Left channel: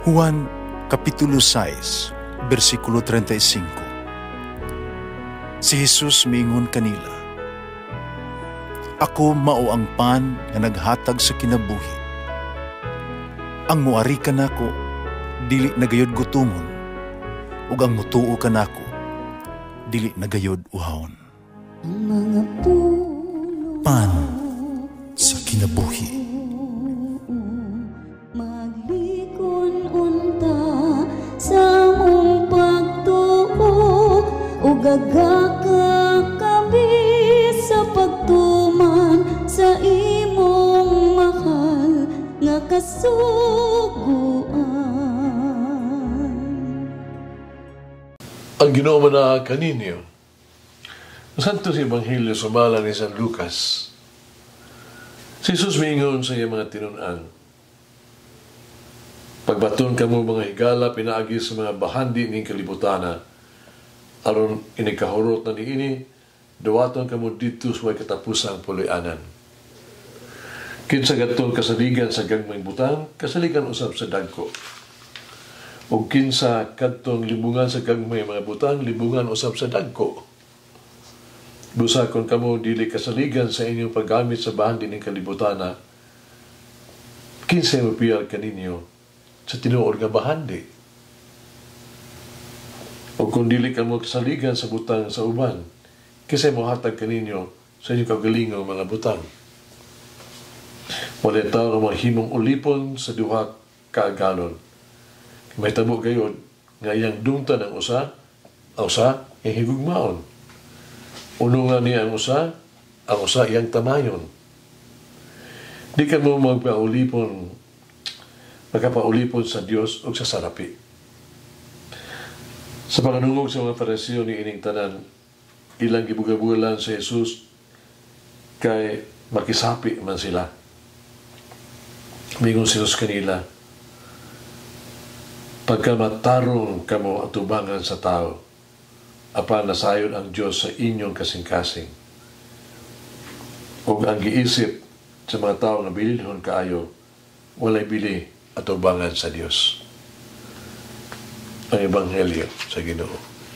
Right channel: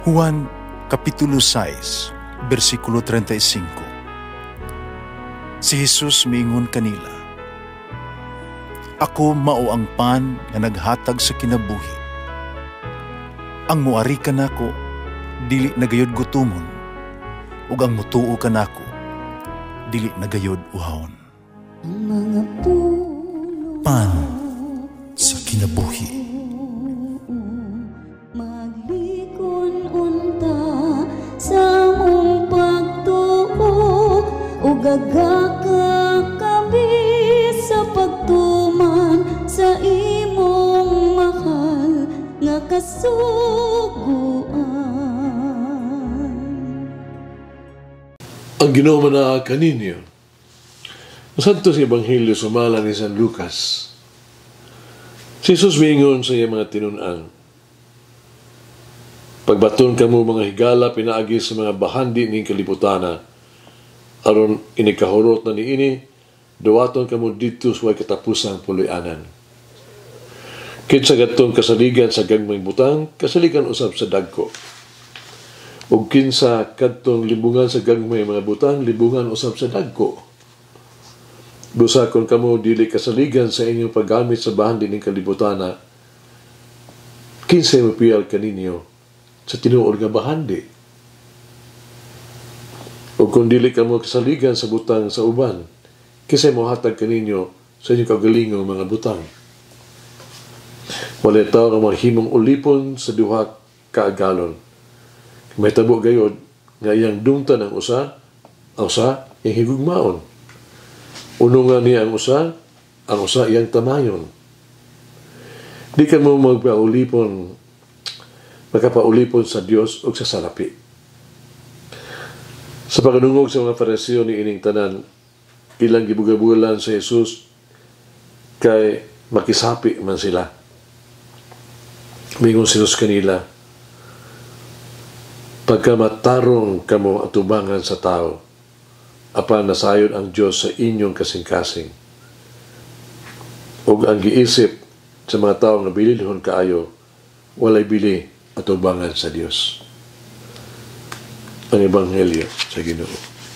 Juan Kapitulo 6, versikulo 35. Si Jesus miingon kanila, "Ako mao ang pan nga naghatag sa kinabuhi. Ang muari kanako dili nagayod gutomon, ug ang mutuo kanako dili nagayod uhawon." Pan sa kinabuhi. Sa mong pagtuo o gagakakabi sa pagtuman sa imong mahal nga kasuguan. Ang Ginoo na kaninyo. Santo sa Ebanghelyo sa mala ni San Lucas. Si Jesus miingon sa iya mga tinunan, "Pagbaton kamo mga higala pinaagi sa mga bahandi ning kalibutana, aron inikahurot na niini, duwaton kamo dito sa katapusang puloy-anan. Kinsa gatong kasaligan sa gagmayng butang, kasaligan usab sa dagko. Ug kinsa kadtong libungan sa gagmay mga butang, libungan usab sa dagko. Busakon kamo dili kasaligan sa inyong paggamit sa bahandi ning kalibutana, kinsa mapiyal kaninyo sa tinuod nga bahandi. O kung dili ka mo kasaligan sa butang sa uban, kisay mo hatag kaninyo sa inyong kagalingong mga butang. Malitaw ang mga himong ulipon sa duha kaagalon. May tabo gayod nga iyang dungtan ang usa iyang higugmaon. Uno nga niya ang usa iyang tamayon. Di ka mo makapaulipon sa Dios o sa sarapi. Sa pagdungog sa mga Fariseo ni ining tanan, ilang gibugabulan sa Jesus kay makisapi man sila. Mingon si Jesus kanila, "Pagka matarong kamo atubangan sa tao, apan nasayon ang Dios sa inyong kasing-kasing. Ug ang giisip sa mga tao na bililhon kaayo, walay bili atubangan sa Dios." Ang Ebanghelyo sa Ginoo.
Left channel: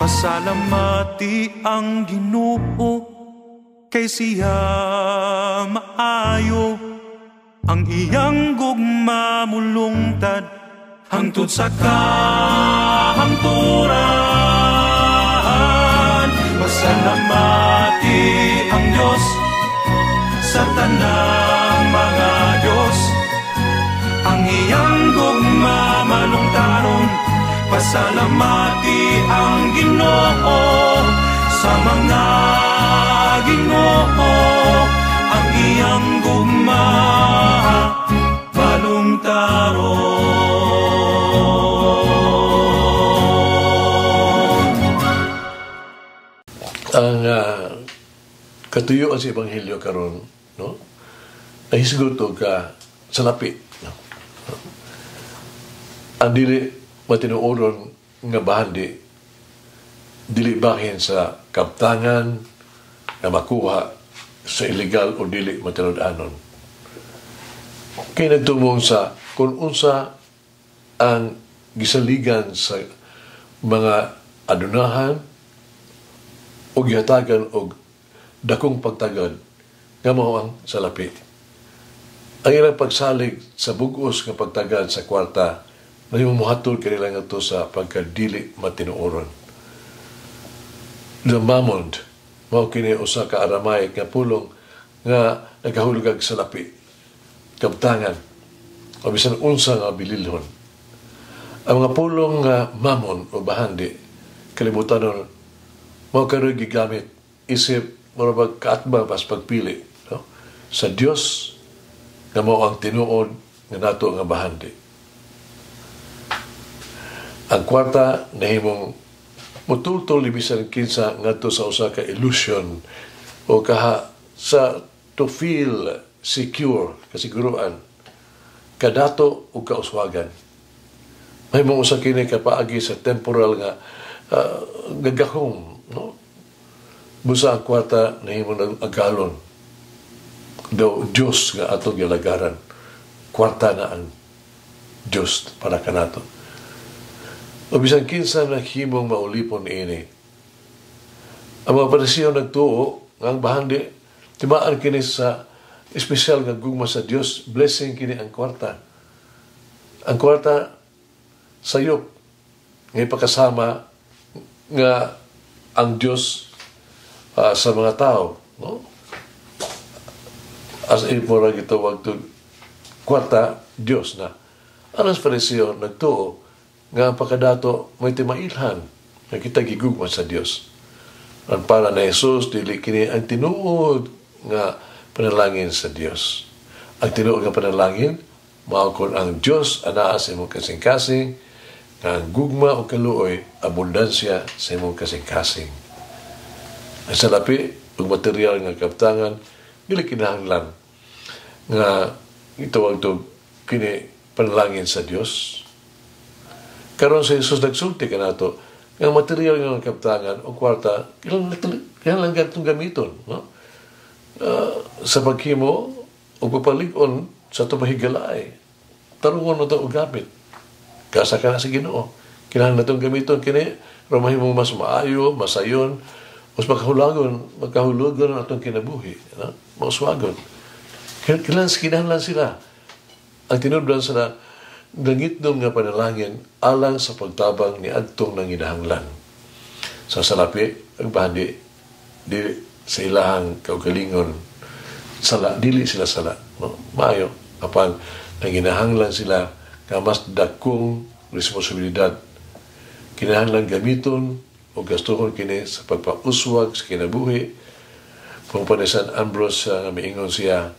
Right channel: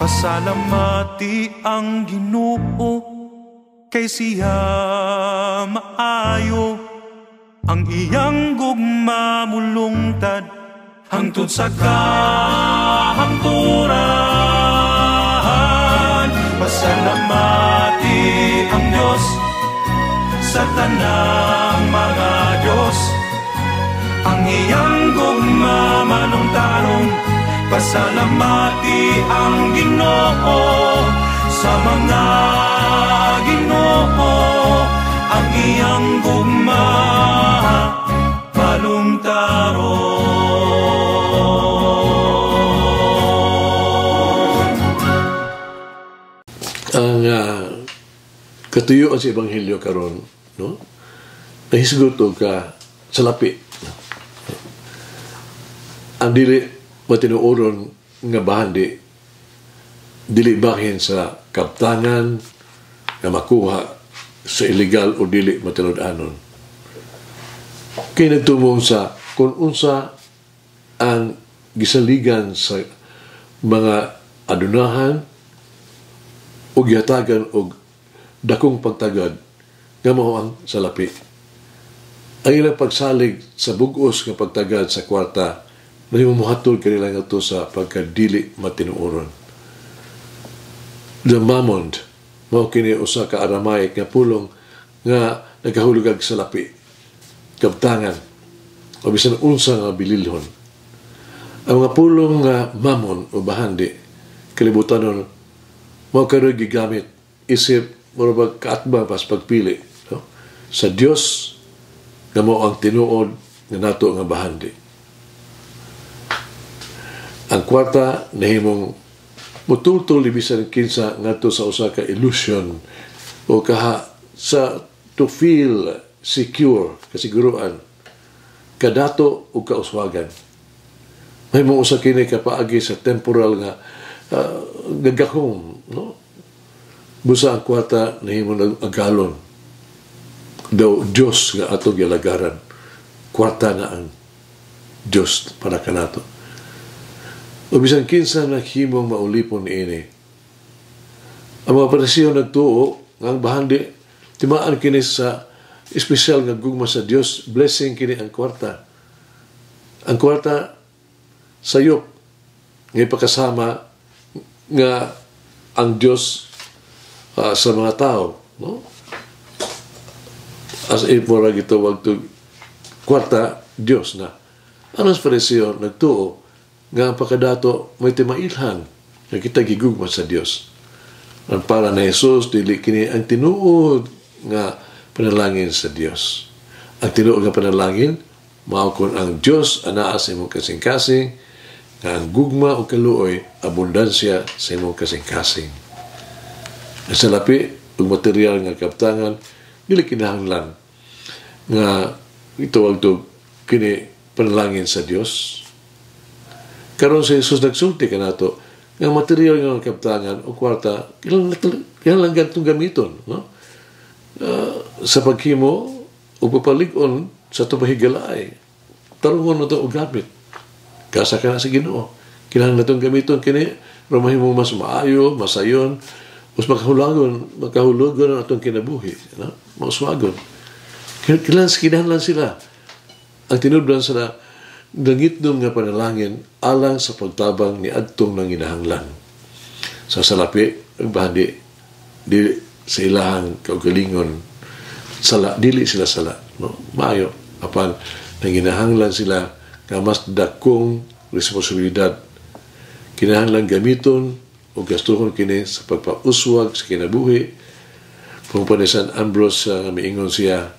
Pasalamati ang Ginoo kay siya maayo, ang iyang gugma mulungtad hangtod sa kahangturan. Pasalamati ang Dios sa tanang mga Dios, ang iyang gugma malungtaron. Pasalamati ang Ginoo sa mga Ginoo, ang iyang gugma malungtaron. Ang katuyuan sa Ebanghelyo karon, no? Ay hisgot ka sa lapi. Ang dili matinuoron nga bahandi, dili bahin sa kaptangan nga makuha sa illegal o dili matinud-anon. Kaya nagtumong sa kung unsa ang gisaligan sa mga adunahan o gihatagan o dakong pagtagad nga mao ang salapi. Ang ilang pagsalig sa bugos nga pagtagad sa kwarta na yung muhatol kanila nga ito sa pagkadili matinuoron. The mammon, mao kini usa ka Aramaic nga pulong nga nagahulugag sa lapi, kabtangan, o bisan unsa nga bililhon. Ang mga pulong nga mammon o bahandi, kalibutan mao karoy gigamit isip murag kaatbang pas pagpili, no? Sa Dios nga mao ang tinuod nga nato nga bahandi. Ang kwarta nahimong mutultol ibisan kinsa ngadto sa usa ka illusion o kaha sa to feel secure, kasiguruan, kadato o kauswagan. May mga usa kini kapaagi sa temporal nga gagahom, no? Busa ang kwarta nahimong agalon. Daw Dios nga ato gilagaran. Kwarta na ang Diyos para kanato. O bisan kinsa na himong maulipon ini. Ang mga Pariseo nagtuo nga ang bahandi timaan kini sa espesyal nga gugma sa Dios, blessing kini ang kwarta. Ang kwarta sayop nga ipakasama nga ang Dios sa mga tao, no? As mura gitawag to kwarta Dios na. Ang Pariseo nagtuo nga ang pakadato may timailhan na kita gigugma sa Dios. Ang para na Jesus dili kini ang tinuod nga panalangin sa Dios. Ang tinuod nga panalangin mao kon ang Dios anaa sa imong kasing-kasing nga ang gugma o kaluoy abundansya sa imong kasing-kasing. Ang salapi ug material nga kaptangan dili kinahanglan nga ituwag to kini panalangin sa Dios. Karon sa Jesus nagsulti kanato nga material nga kaptangan o kwarta kinahanglan gantong gamiton, no? Sa paghimo o papalig-on sa tubahigalay tarungon mo ito o gamit kasa ka na sa Ginoo. Kinahanglan itong gamiton kini ramahimo mas maayo, masayon, mas magkahulugon ang itong kinabuhi, no? Mauswagon. Kinahanglan sila ang tinudlan sila langit doon nga panalangin alang sa pagtabang ni adtong nang inahanglan. Sa salapi, ang bahandi, di sa ilahang kaugalingon, dili sila sala. No? Maayo, apan nang inahanglan sila nga mas dakong responsibilidad. Kinahanglan gamiton o gastuhon kini sa pagpauswag sa kinabuhi. Kung pa ni San Ambrose miingon siya,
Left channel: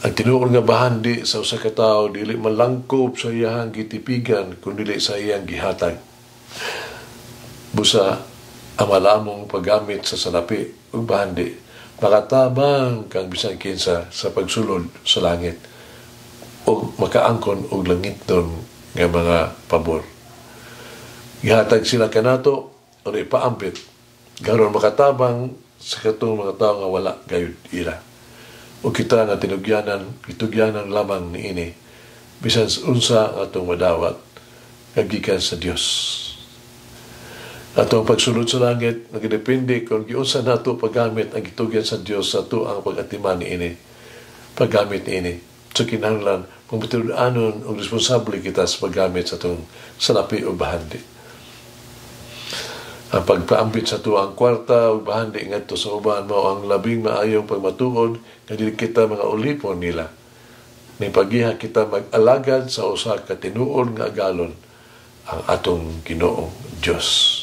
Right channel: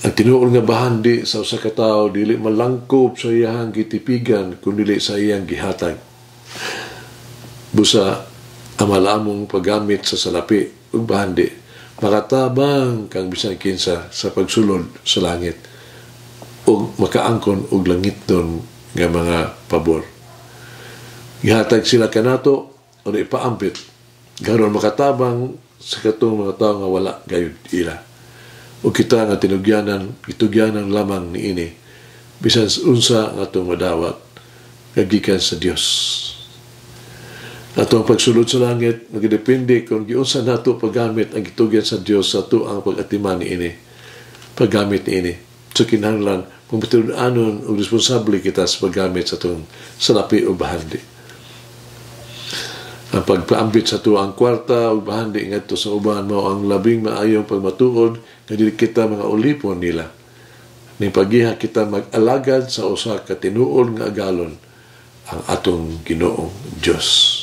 ang tinuod nga bahandi sa usa ka tawo dili malangkop sa iyang gitipigan kundi sa iyang gihatag. Busa amalamong paggamit sa salapi ug bahandi makatabang kang bisan kinsa sa pagsulod sa langit ug makaangkon og langit don nga mga pabor. Gihatag sila kanato o ipaampit garon makatabang sa katong mga tawo nga wala gayud ila. O kita nga itugyanan lamang ni ini bisan unsa nga atong madawat kagikan sa Dios. Atong pagsulod sa langit nagdepende kung giunsa nato paggamit ang gitugyan sa Dios sa ato ang pag-atiman ni ini. Paggamit ni ini. So kinahanglan kung anon o responsable kita sa paggamit sa atong salapi o bahandi. Ang pagpaambit sa tuang kwarta o bahandi ngadto sa uban mao ang labing maayong pagmatuod nga dili kita mga ulipon nila. Ning pagiha kita mag-alagad sa usa ka tinuod nga agalon ang atong Ginoong Dios.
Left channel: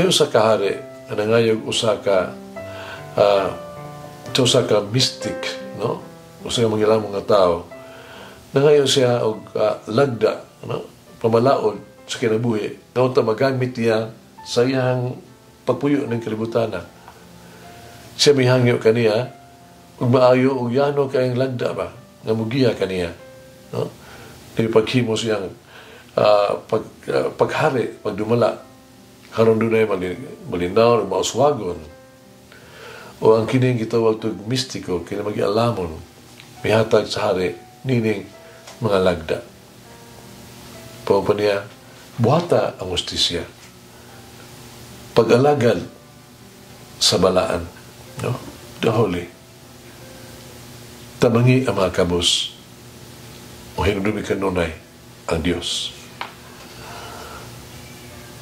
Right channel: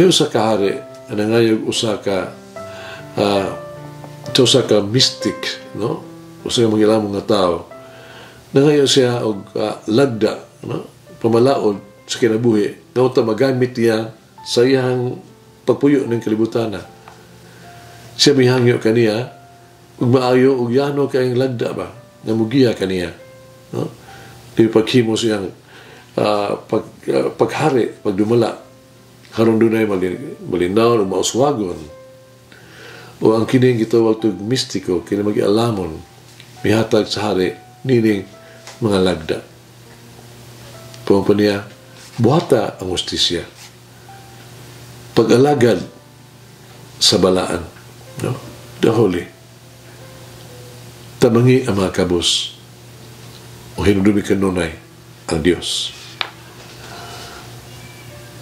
May usa ka hari nga nangayog usa ka mystic, no? Usa ka magilamong nga tao. Nangayo siya og lagda, no? Pamalaod sa kinabuhi nga unta magamit niya sa iyang pagpuyo ng kalibutan. Siya mihangyo kaniya ug maayo ug yano kayong lagda ba nga mugiya kaniya, no? Di paghimo siyang paghari pagdumala karon dunay malinaw ug mauswagon o ang kining gitawag og mistiko kini magialamon mihatag sa hari nining mga lagda. Pumpa niya buhata ang justisya. Pag-alagad sa balaan. No? The Holy. Tabangi ang mga kabos. O hinudumi kanunay ang Diyos.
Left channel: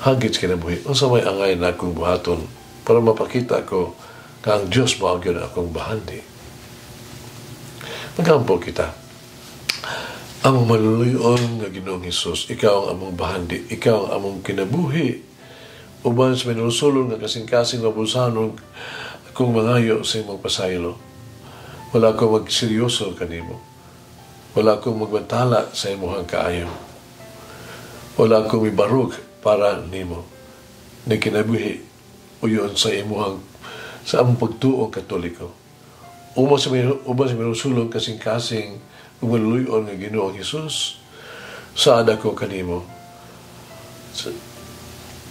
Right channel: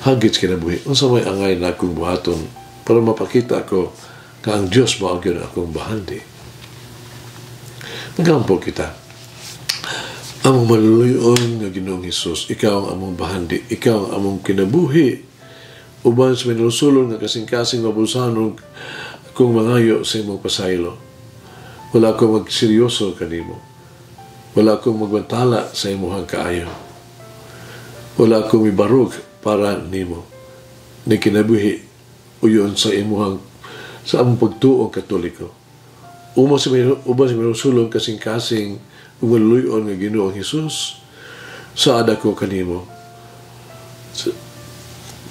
Hagit kinabuhi. Ang samay angay na akong buhaton para mapakita ko na ang Diyos maagyan akong bahandi. Magampo kita. Among maluluyon nga Ginoong Hesus, ikaw ang among bahandi, ikaw ang among kinabuhi. Uban sa minusulong nga kasing-kasing mabusanon kung mangayo sa imong pasaylo. Wala akong magseryoso kanimo. Wala akong magbantala sa imong kaayo. Wala akong ibarug para nimo. Ni kinabuhi uyon sa imong sa among pagtuo katoliko. Uban sa minusulong kasing-kasing umaluyon nga Ginoong Hesus sa ada ko kanimo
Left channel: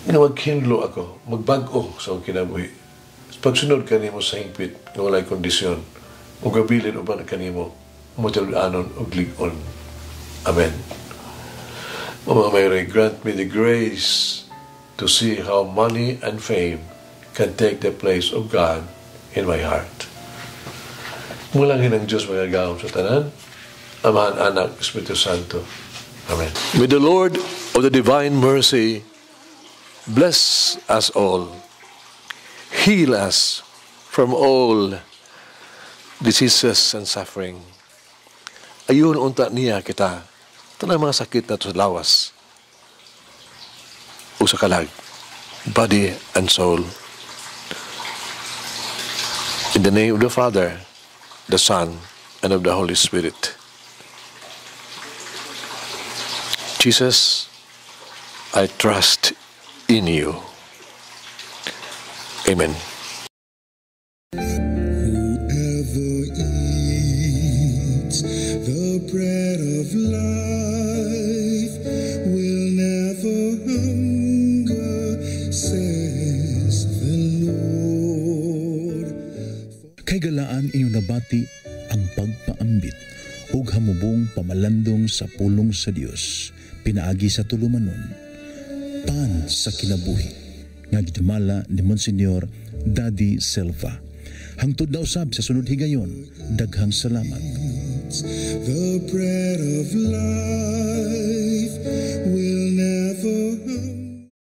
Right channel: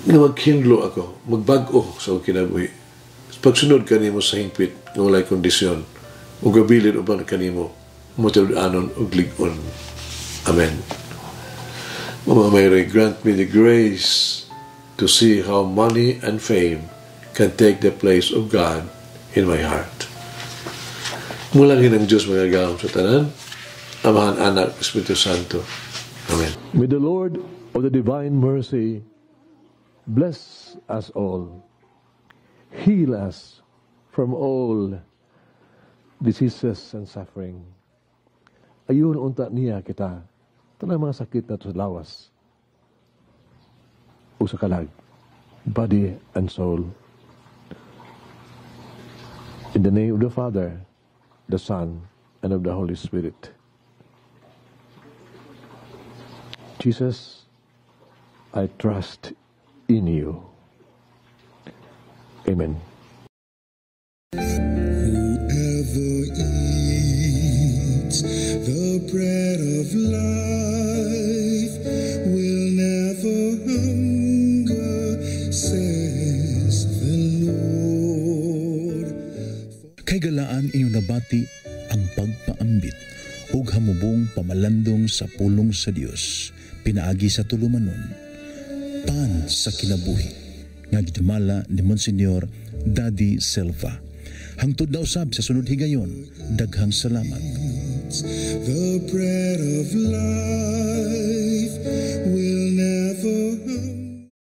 nga maghinlo ako magbago sa akong kinabuhi pagsunod kanimo sa hingpit nga walay kondisyon ug gabilin uban kanimo matinud-anon ug lig-on. Amen. Mama Mary, grant me the grace to see how money and fame can take the place of God in my heart. Mulang hinang Diyos mga gawang sa tanan, Amahan, Anak, Espiritu Santo. Amen. May the Lord of the divine mercy bless us all, heal us from all diseases and suffering. Ayun unta niya kita, tanang mga sakit na sa lawas o sa kalag, body and soul. In the name of the Father, the Son, and of the Holy Spirit. Jesus, I trust in you. Amen. Whoever eats the bread of life will never hunger, says the Lord. Kay galaan inyong nabati ang pagpaambit ug hamubong pamalandong sa pulong sa Dios, pinaagi sa tulumanon, pan sa kinabuhi, nga gidumala ni Monsignor Daddy Silva. Hangtod na usab sa sunod higayon, daghang salamat. The bread of life will